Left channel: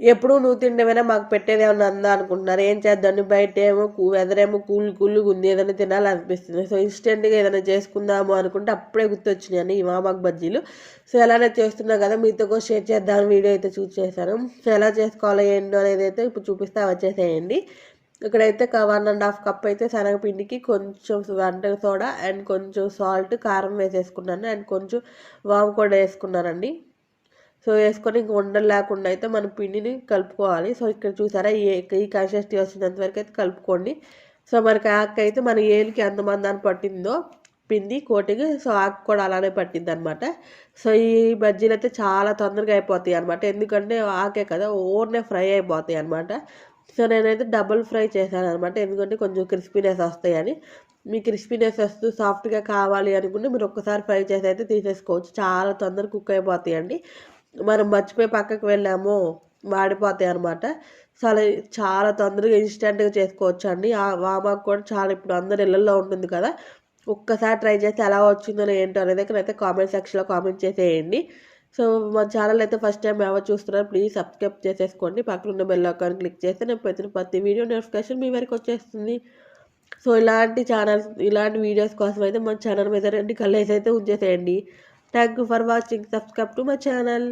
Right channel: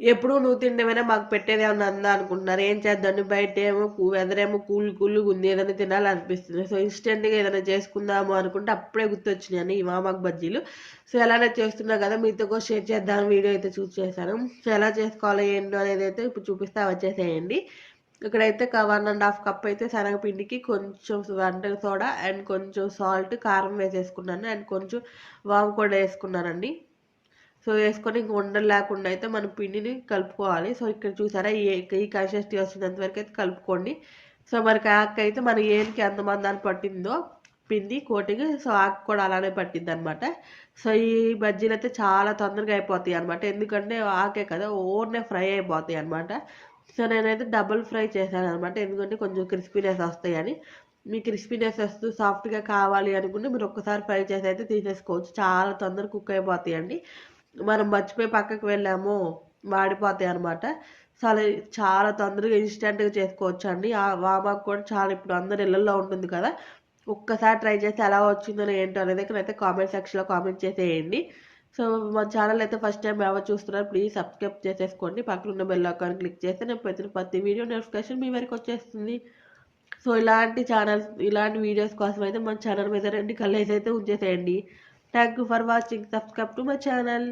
ఎప్పుడు నువ్వు తినడమేనా మాకు పెట్టేది ఏమన్నా అందా అనుకుంటున్నారు. ఏం చేద్దాం బయట ఏమో వెదర్ ఏమో కూల్గా ఉంది, ఏదైనా తినాలనిపిస్తుంది. సో ఇన్స్టెంట్గా ఏదైనా చేసుకుందాము అనుకుంటే అప్పుడే గుర్తొచ్చినాయండి ఈ వామాకు బజ్జీలు. సో ఎలానే చేస్తున్నా కదా మీతో కూడా షేర్ చేద్దాం వీడియో అయితే చూస్ చేశాను. సో ఎలా చేసుకోవాలో ఏంటో అనేది అయితే ఇప్పుడు చూపిస్తా వచ్చేసేయండి. ఇక్కడైతే 1.5 కప్ అయితే శనగపిండికి కొంచెం వంట సోడా అండ్ కొంచెం సాల్ట్, కారం వేసేసుకున్నాను అండ్ కొంచెం వాము కూడా వేసుకున్నానండి. సో వేసుకొని ఇంక ఉండలు లేకుండా అయితే మన పిండిని కలుపుకోవాలి. సో ఇక్కడ చూసారా ఈ కన్సిస్టెన్సీ వచ్చినంత వరకు అయితే కలుపుకోండి. సో మనకి ఆకు అయితే మన ఏమికి ఎంతమంది అని పట్టిందో పిండి కోటింగ్, సో ఆకు కూడా అలానే పట్టింది అనమాట. సో ఈ బజ్జీలు అయితే చాలా తొందరగా అయిపోతాయి అనమాట, ఎందుకంటే ఆకే కదా ఓన్నే ఫ్రై అయిపోతాయి అనమాట. సో నేనైతే డబుల్ ఫ్రై చేశాను అనమాట, ఎందుకంటే కొంచెం క్రిస్పీనెస్ వస్తాయని. మీ క్రిస్పీనెస్ వస్తూ సాఫ్ట్గా కావాలి అనుకుంటే మీరు ఒక్కసారి ఫ్రై చేసి అయితే తీసేసుకోవచ్చు, చాలా తొందరగా కుక్ అయిపోతాయండి. మనం మర్చిపోయి పక్కకు వెళ్ళాము మాడిపోతాయి అనమాట. చాలా చాలా తొందరగా ఇన్స్టెంట్గా చేసుకోవచ్చు అండి. ఆ వామాకు కూడా చాలా ఇప్పుడు అందరి ఇళ్ళల్లో ఉంటుంది కదా, ఒక్కసారి ట్రై చేస్తే ఎలా వచ్చిందో ఏంటో అనేది అయితే కామెంట్ సెక్షన్లో కామెంట్ చేసేయండి. సో మా ఛానల్ అయితే ఫస్ట్ టైం ఎవరు చూస్తున్నారు ప్లీజ్ సబ్స్క్రైబ్ చేసేసుకోండి. పక్కన ఉన్న బెల్ ఐకాన్ క్లిక్ చేస్తే నేను ప్రతి వీడియో నోటిఫికేషన్ మీ వరకు వచ్చేస్తుంది. సో ఇలాంటి వీడియోస్ కోసం అయితే మన ఛానల్ మీద 2 కళ్ళేసి అయితే ఉంచేసేయండి. Thank you for watching. Subscribe to my channel.